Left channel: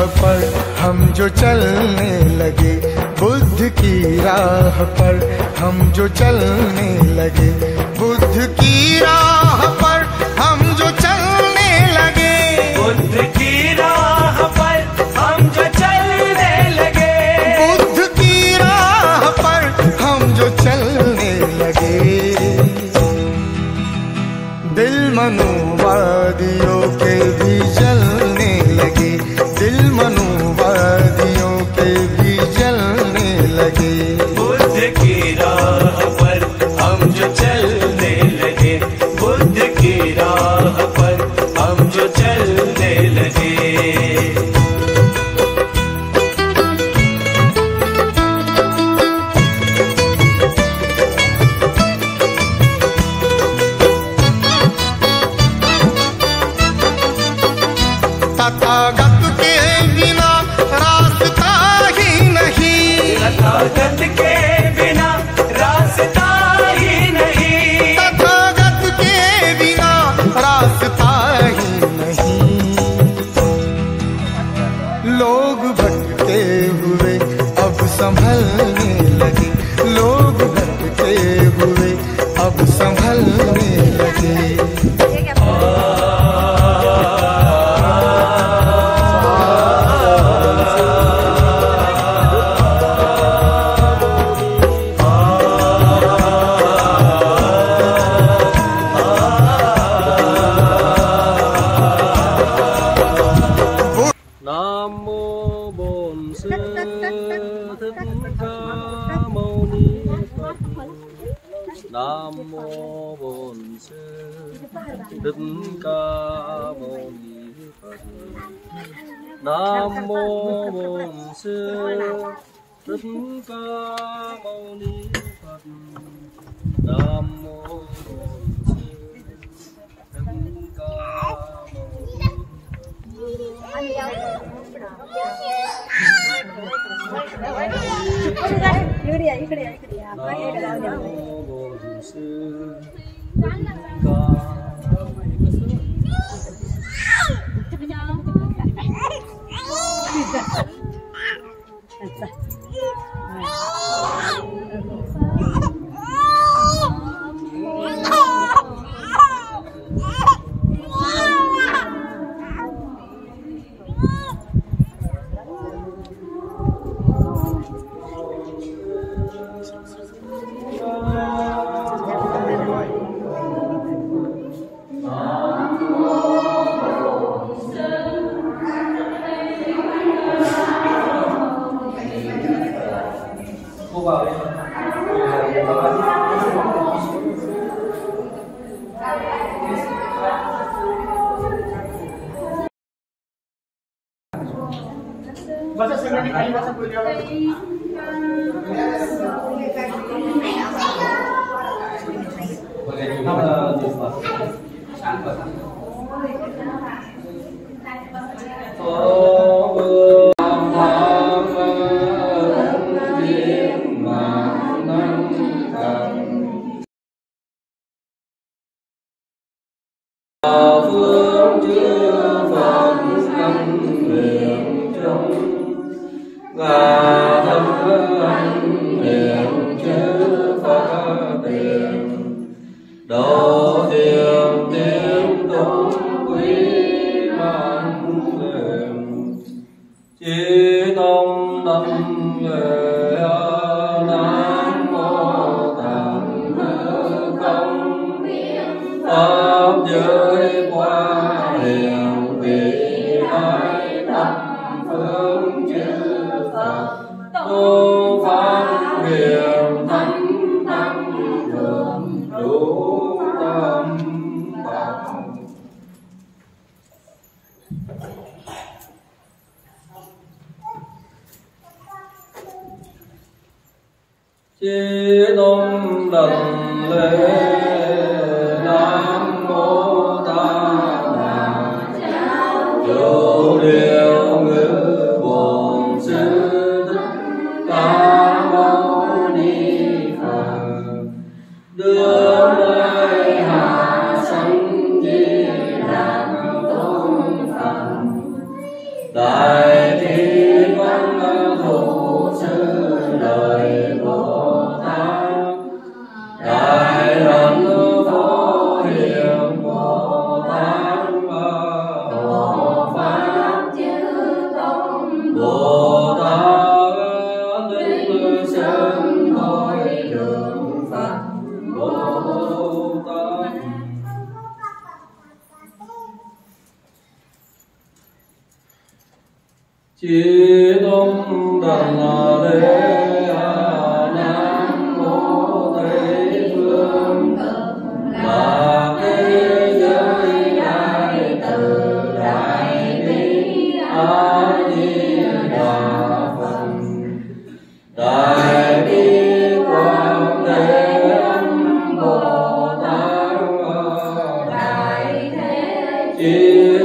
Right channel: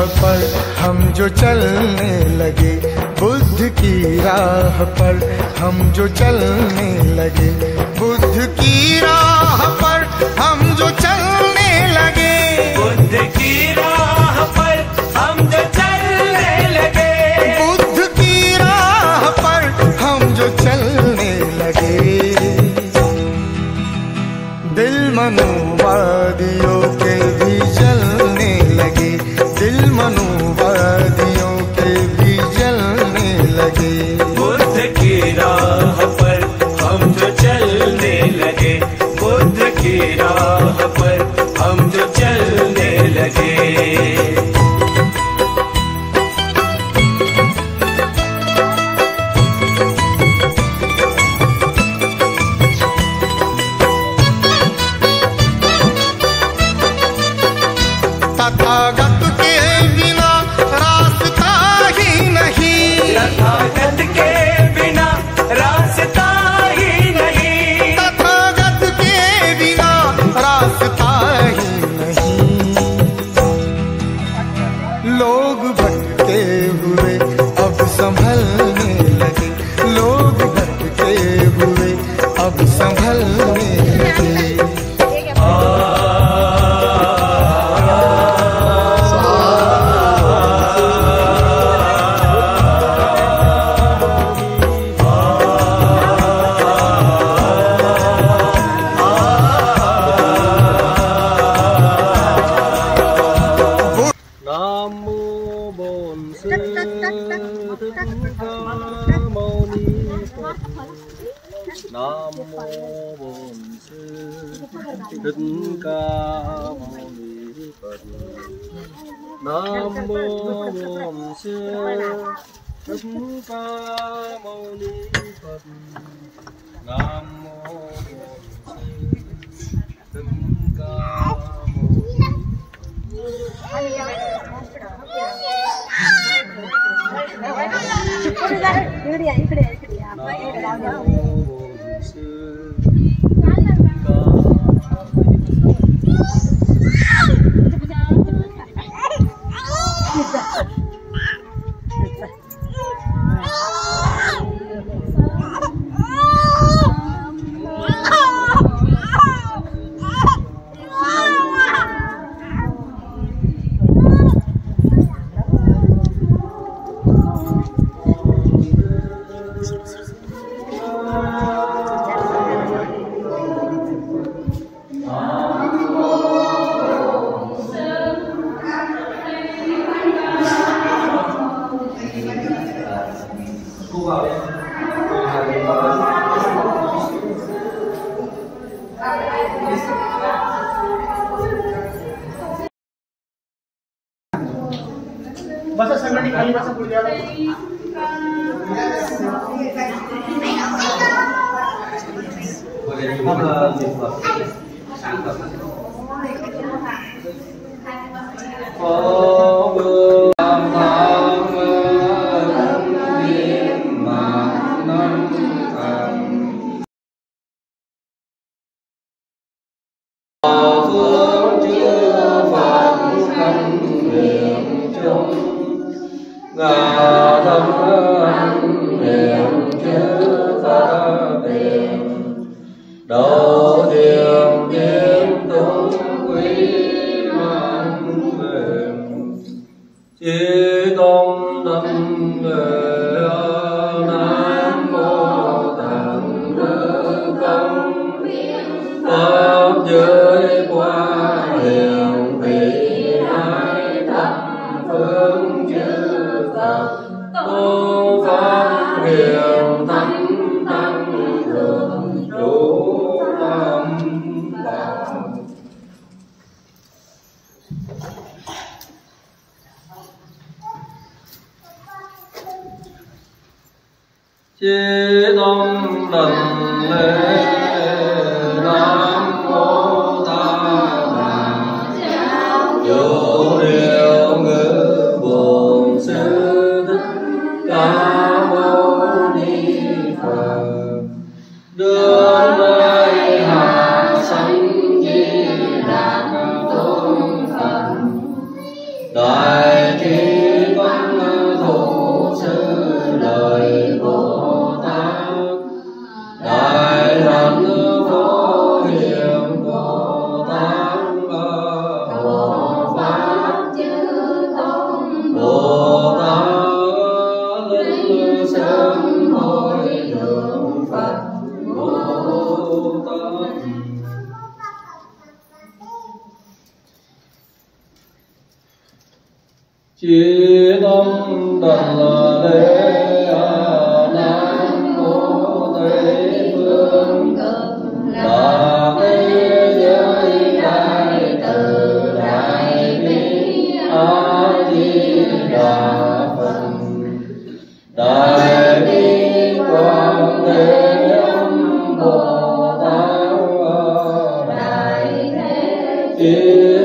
राह पर हम जो चलने लगे, बुद्ध की राह पर हम जो चलने लगे, बुद्ध की राह पर हम जो चलने लगे, बुद्ध की राह पर हम जो चलने लगे, बुद्ध की राह पर हम जो चलने लगे। दिल मनुवादियों के भी जलने लगे, दिल मनुवादियों के भी जलने लगे। बुद्ध की राह पर हम जो चलने लगे, बुद्ध की राह पर हम जो चलने लगे। तथागत के बिना रास्ता ही नहीं, तथागत के बिना रास्ता ही नहीं, तथागत के बिना रास्ता ही नहीं। लोग भटके हुए अब संभलने लगे, लोग भटके हुए अब संभलने लगे। Nam mô Bổn Sư Thích Ca Mâu Ni Phật. Nam mô Bổn Sư Thích Ca Mâu Ni Phật. Nam mô Bổn Sư Thích Ca Mâu Basta sa mani kanina sa pulya. Độ thiền kiếm tung quý mang về chí tôn tâm về Nam mô Tạng Công pháp giới qua hiền vị lai thập phương chư Phật tôn pháp hiền thánh tăng thường trụ tâm Phật. Chí tôn đảnh lễ Nam mô Ta Bà Vô Điều Ngữ Bổn Sư Thích Ca Mâu Ni Phật. Đưa nơi hạ sanh Di Đà Tôn Phật, Đại Chư Tôn Đảnh Lễ Nam Mô Tây Phương Là thế giới đại từ đại bi A Di Đà Phật. Đại bi Quảng Thế Âm Bồ Tát. Đại thế Chí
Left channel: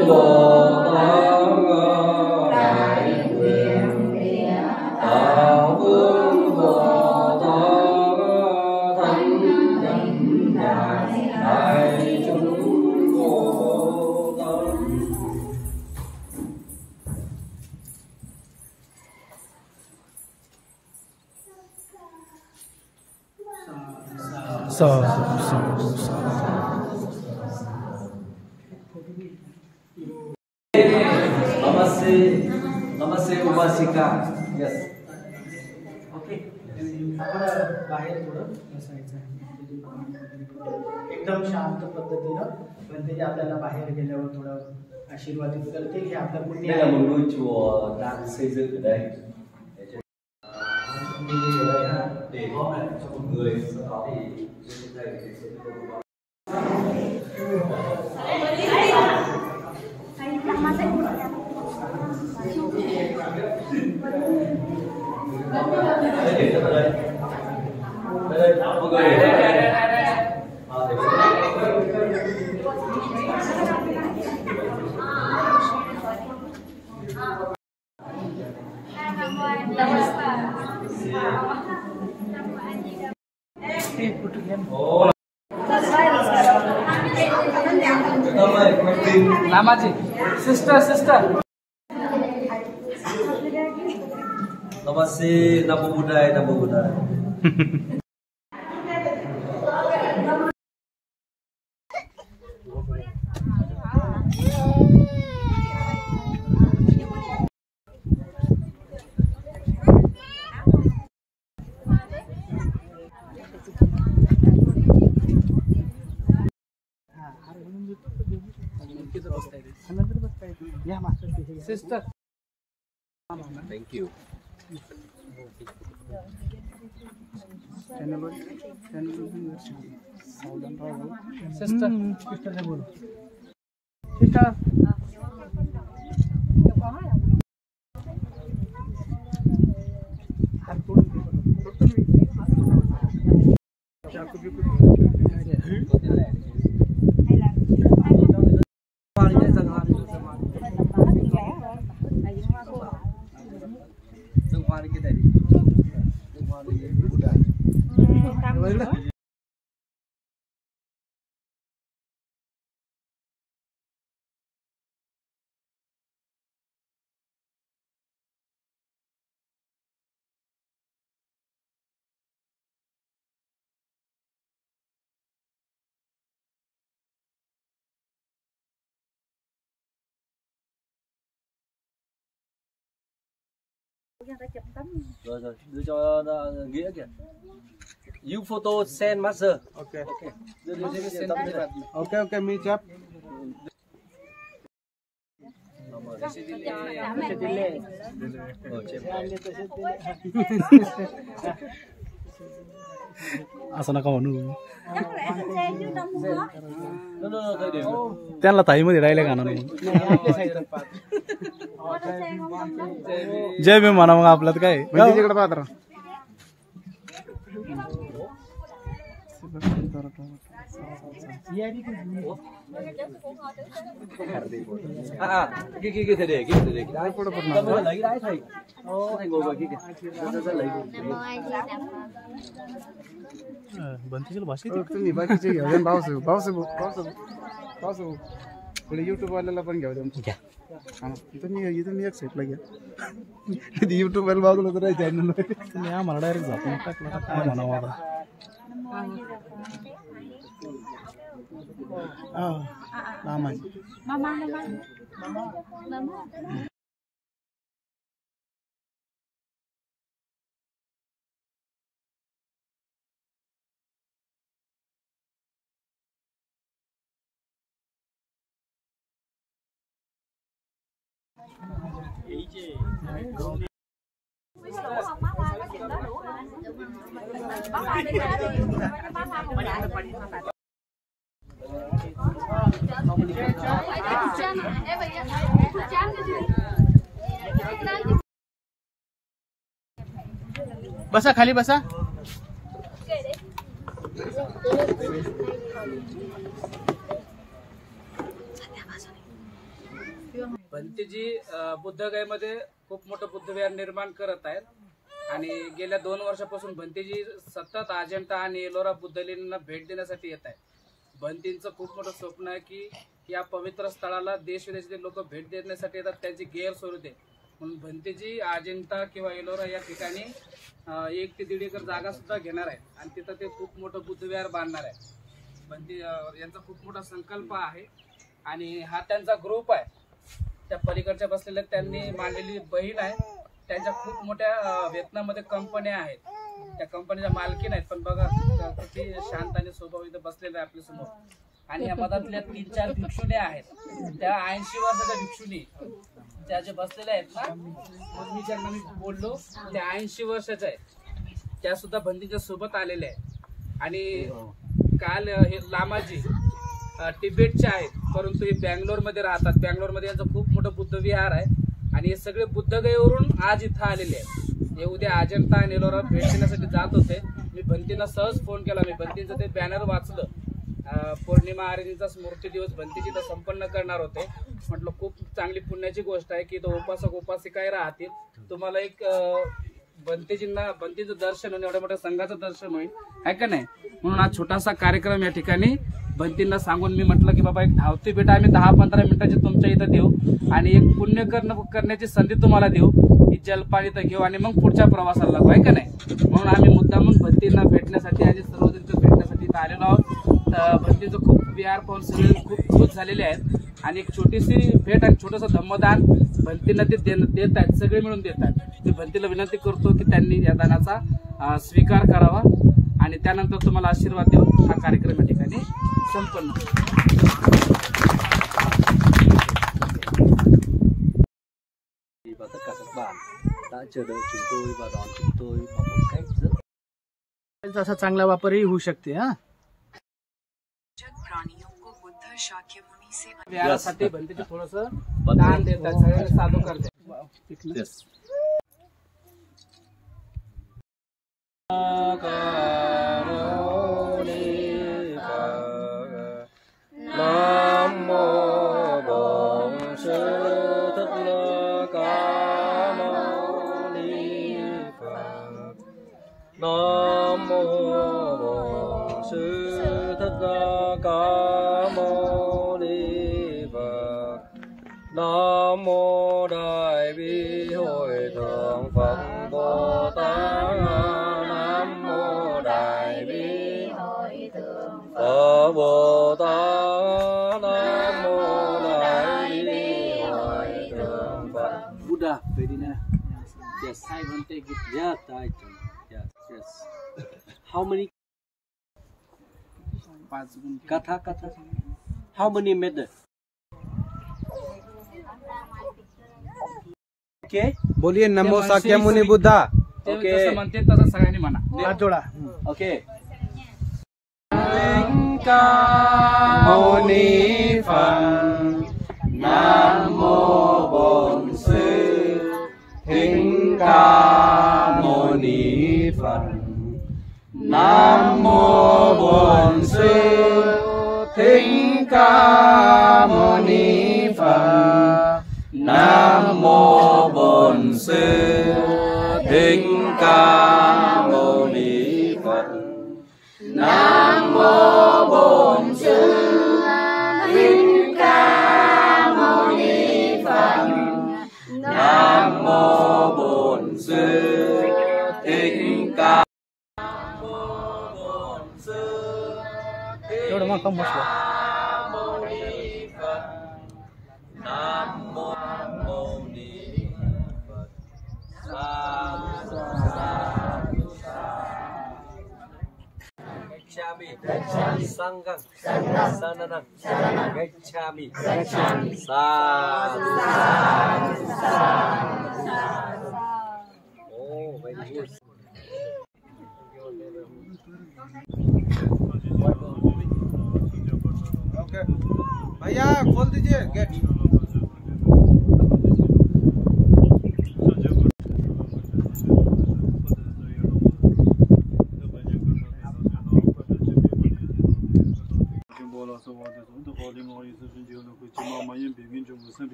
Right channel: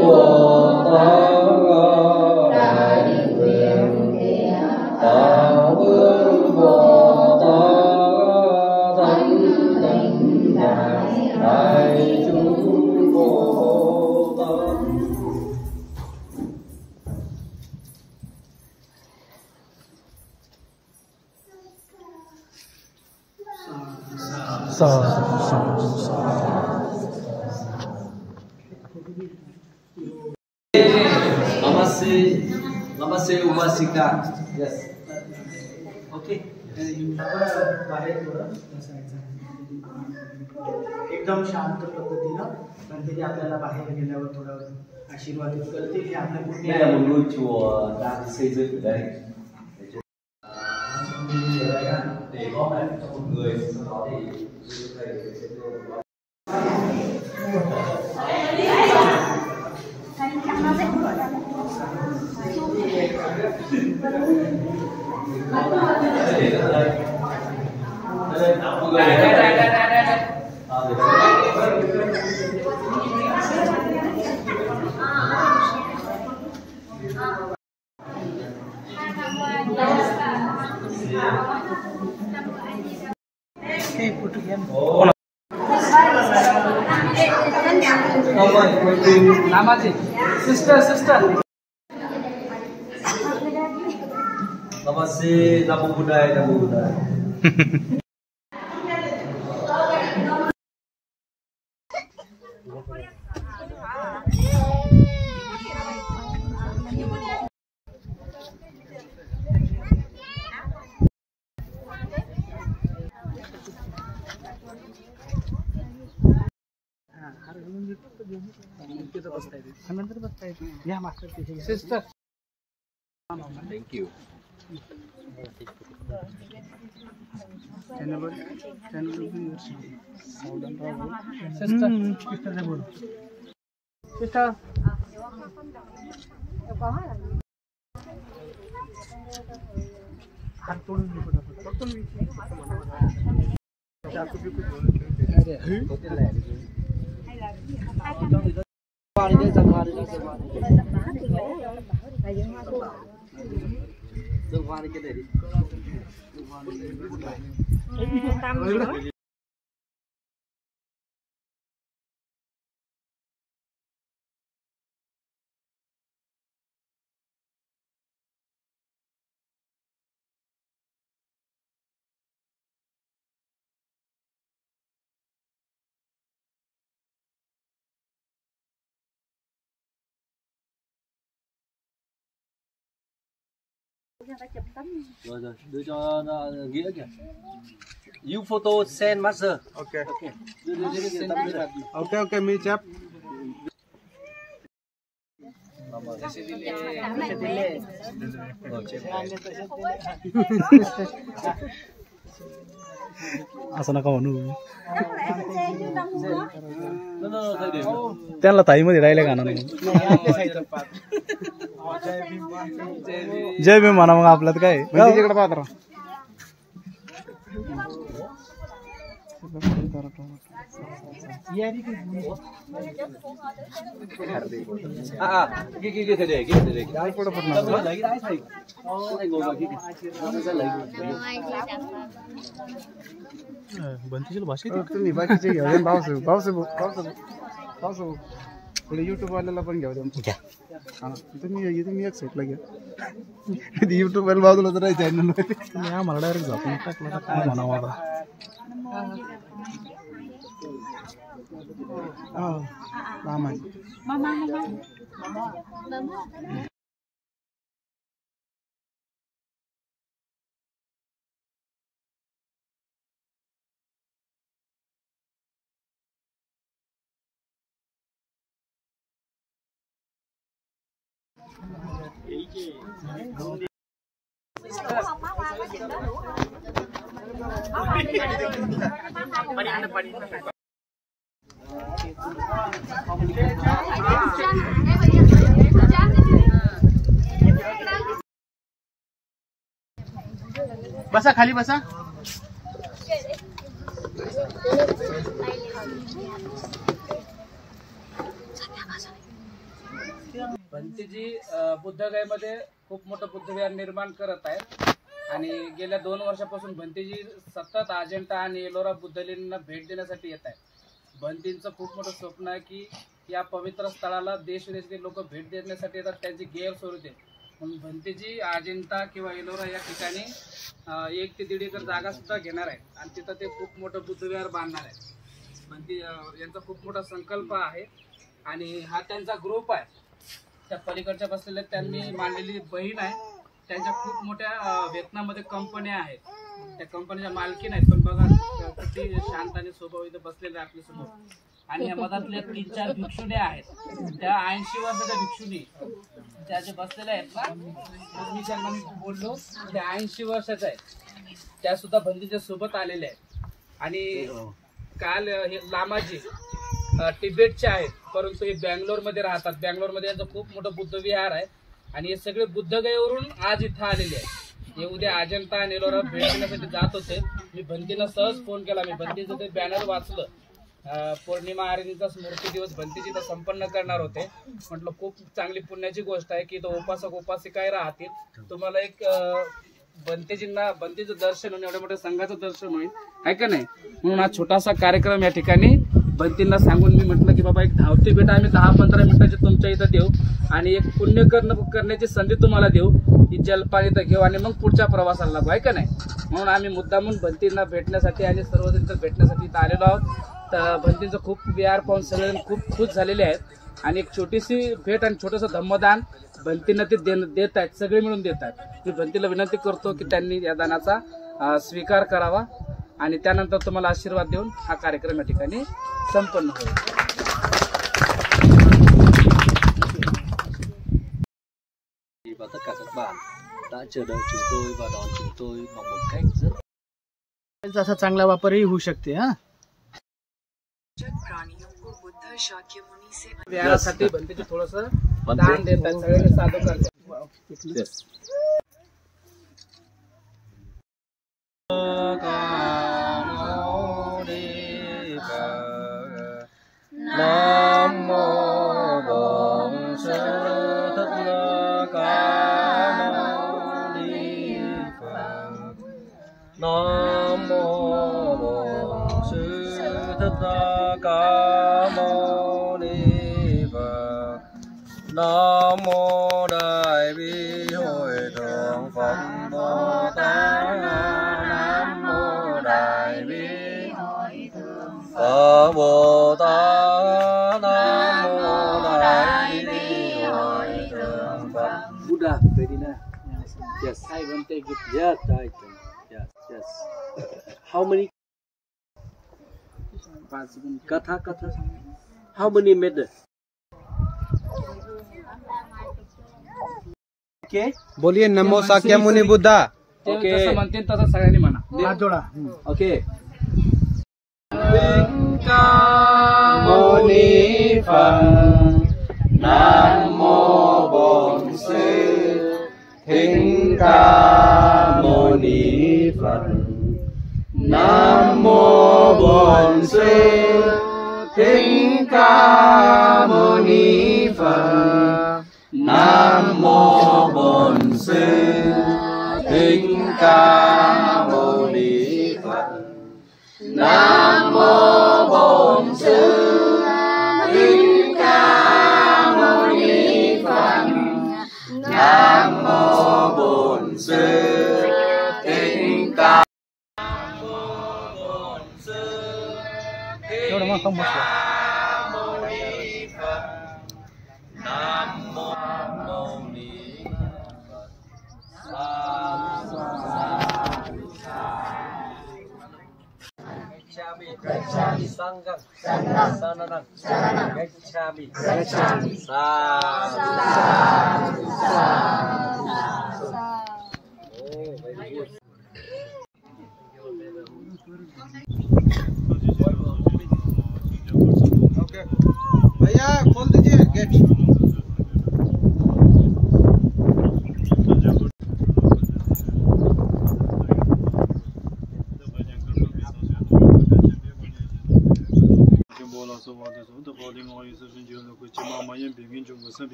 Bồ Tát. Đạo Vương Bồ Tát. Thánh Tịnh Đại chúng Bồ Tát. Namaste Upasika. Yes. Okay. बाहेर थोडं बसायचं एकदम शांत पद्धतीनं गणपती आपल्याला बाहेर गेल्यावर थोडं आशीर्वाद करते हे आपल्या Đây là một ngôi chùa đang xây dựng ở đây. Để góp lại cho một người, sau đó thì thầy sẽ đưa लामाजी sister Namaste, Namo Buddhaya, Namo Buddhaya. Sister Thank you. Sister बोलो सिस्टर हात तोडून चाकू Biku Dương hoa đi cái này đi. Dương hoa đi cái này. Rồi đưa cho Nghĩa kìa. You photo send master. Okay. Đưa cái tấm thế là. Okay, मी chap. असं नका म्हणू No, त्यांना ताईमध्ये राहिले गाणं नाही जय भीम म्हणा मग आपल्यात काय तिकडे पात्र cái thầy để cái photo phần lấy đái thầy. Thầy ngồi vào kia kìa. Nó sẽ lấy. बनतीशील भाषेत तुम्ही बाकीचे घेऊ द्या पावस पुढे युट्यूब वाल्याला पण घेऊ द्या तुम्ही एक साईडला घ्या युट्यूब वाला बाजूला तर चॅनल तुम्ही आम्हाला डायरेक्ट झापून टाकलं तर काय म्हणावं आता रामाजी बसा खाली बसा. भंतेजी बुद्धगयेमध्ये खूप मोठं बुद्धविहार निर्माण करत आहेत आणि गेल्या 2 वर्षापासून भंतेजी सतत अजंता आणि एलोरा बुद्धलेणींना भेट देण्यासाठी येत आहेत. भंतींचं खूप मोठं स्वप्न आहे की या पवित्र स्थळाला देश विदेशातील लोक भेट देण्यासाठी येतात, त्यांची गैरसोय होते. म्हणून भंतेजी अजिंठा किंवा एलोरा या ठिकाणी 1 ते 1.5 एकर जागा सुद्धा घेणार आहे आणि तिथं ते खूप मोठं बुद्धविहार बांधणार आहे. भंती यांचा खूप मोठा संकल्प आहे आणि हा त्यांचा ग्रुप आहे. त्या पलीकडच्या बसलेल्या त्यांनी मांडलेली बहीण आहे. त्यांच्या खूप मोठ्या व्हिएतनाममध्ये कंपन्या आहेत. त्या कंपनीच्या मालकीन आहेत. पण बघा किती शांत आणि स्वभाव इथं बसलेले आहे आपल्यासमोर. आणि या मधातल्या 3-4 भिक्षुण्या आहेत. त्या 80 वर्षाच्या भिक्षुणी त्या जे बसलेल्या आहेत ना, मी ज्यांना बोललो त्या 80 वर्षाच्या आहेत. त्या सुद्धा भंतीच्या सोबत आलेल्या आहेत. आणि काल हे लामाजी तिबेटचे आहेत, परंतु हे बँगलोरमध्ये राहतात. बँगलोरमध्ये यांचं खूप मोठं बुद्धविहार आहे आणि हे सगळे बुद्धगयेवरून आज इथं आलेले आहेत. हे उद्या अजंता आणि एलोरा भेट देण्यासाठी जात होते. मी भंतीला सहज फोन केला. मी भंतीचं ते बॅनर वाचलं. पौर्णिमा आरतीचा स्मृती दिवस भंतीजी तर संपन्न करणार होते. म्हटलं खूप चांगली पुण्याची गोष्ट आहे की तो उपासक उपासिकाही राहतील. तुम्हाला एक भंतीचं दर्शन होईल, एवढ्या मोठ्या संघाचं दर्शन होईल, आहे का नाही. म्हणून हा छोटासा कार्यक्रम या ठिकाणी भंतींना सांगून मी म्हटलं की बाबा एक धावती भेट आम्ही 10-15 मिनिटाची तुमच्या इथं देऊ आणि एक पुण्य करण्याची संधी तुम्हाला देऊ. ही जलपान इथं घेऊ आणि मग पुढच्या प्रवासाला लागू, आहे का नाही. म्हणून आम्ही मुद्दामून भंतींना भेटण्यासाठी आणि सर्वजण भेटण्यासाठी इथं आलेलो आहोत. तर भंतीचं खूप विहार पाहून सगळे खूप खुश झालेले आहेत आणि एक छोटीशी भेट आणि छोटंसं धम्मदान भंतींना ते देत आहेत. सगळे मिळून देत आहेत. मी भंतीला विनंती करतो की त्यांनी या दानाचा स्वीकार करावा आणि त्यानंतर तुम्हाला आशीर्वाद देऊन हा कार्यक्रम या ठिकाणी संपन्न करू. Và tất cả các bạn đã chờ đợi chúng tôi và đón chúng tôi bằng một cách rất असा चांगला वापरही होऊ शकते. हा विहारासाठी भंतीचे थोडंसं दान देतात, सगळ्यांना साधू करतात. Nam mô Bổn Sư Thích Ca Mâu Ni Phật. Nam mô Bổn Sư Thích Ca Mâu Ni Phật. Nam mô Đại Bi Hội Thượng Phật Bồ Tát. Nam mô Đại Bi Phật Bồ Tát. Nam mô Đại Bi Hội Thượng Phật. Buddha, Vedina. Yes, I want to take it. Yes, I can. Yes, yes. How many 5 गुण. katha? How many method? Okay. बोलिए नमो शाक्यमुनि बुद्धा. ते जसं म्हणते तसं सगळ्यांनी म्हणा. हात जोडा. Okay. Ca Mâu Ni Phật. Nam mô Bổn Sư Thích Ca Mâu Ni Phật. Nam mô Bổn Sư Thích Ca Mâu Ni Phật. Nam mô Bổn Sư Thích Ca Mâu Ni Phật. Nam mô Bổn Sư Thích Ca Mâu Ni Phật. Nam mô Bổn Sư Thích Ca. एवढं मग कम बसलं. Sanggang. Sananang. Gacchami. Sadhu. Oh, very good. Okay भैया खोल दीजिए gate.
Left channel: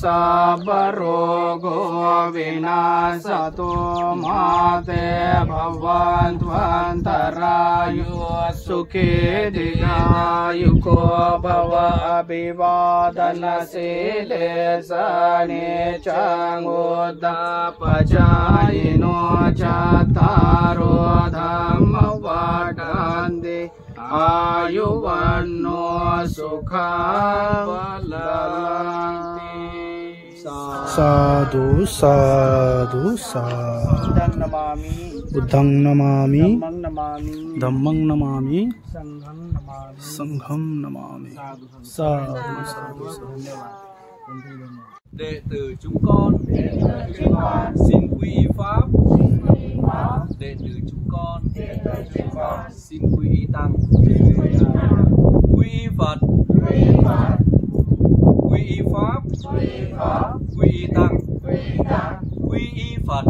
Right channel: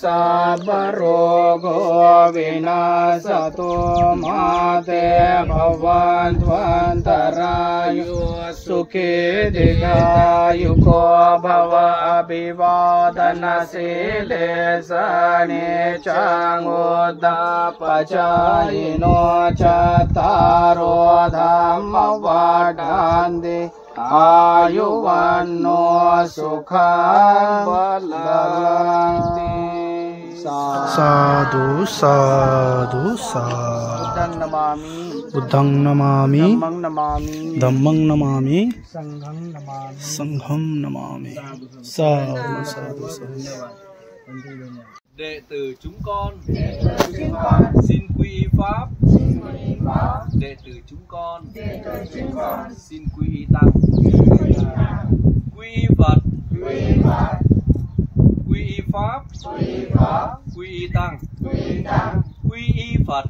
Sabbarogo vinasatu mate bhavantvantarayu sukhe dikayuko bhava abhivadana sile sane changodapachayino chattaro dhamma vadande आयुवन्नो सुखं बलवन्ति। साधु साधु साधु। बुद्धं नमामि, धम्मं नमामि, संघं नमामि। साधु साधु साधु। Đệ tử chúng con xin quy y pháp. Đệ tử chúng con xin quy y tăng. Quy y Phật, quy y pháp, quy y tăng. Quy y Phật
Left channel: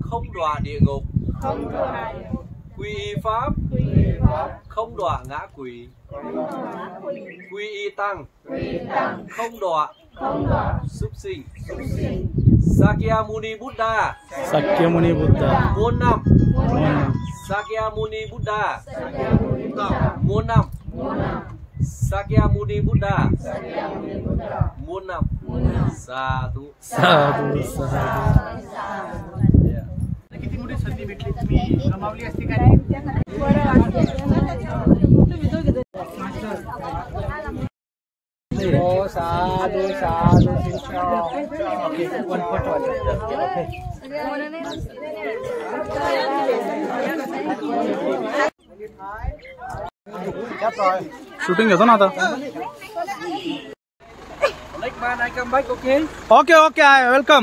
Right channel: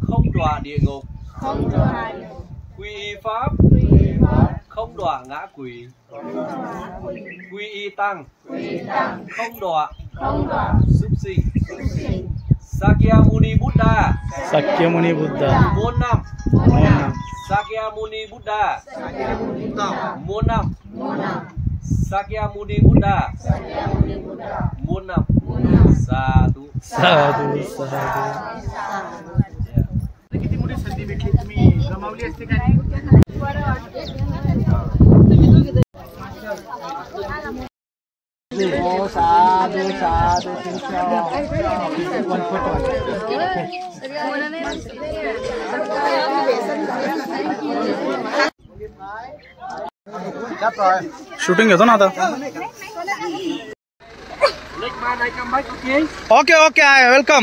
không đọa địa ngục. Quy y pháp không đọa ngã quỷ. Quy y tăng không đọa súc sinh. Sakyamuni Buddha. Sakyamuni Buddha. Muôn năm. Sakyamuni Buddha. Muôn năm. Sakyamuni Buddha. Muôn năm. Sadhu. साधु साधु. किती मोठी संधी भेटली, तुम्ही गमावली असते का नाही? साधु साधु। शूटिंग घेतो ना आता. Okay okay welcome.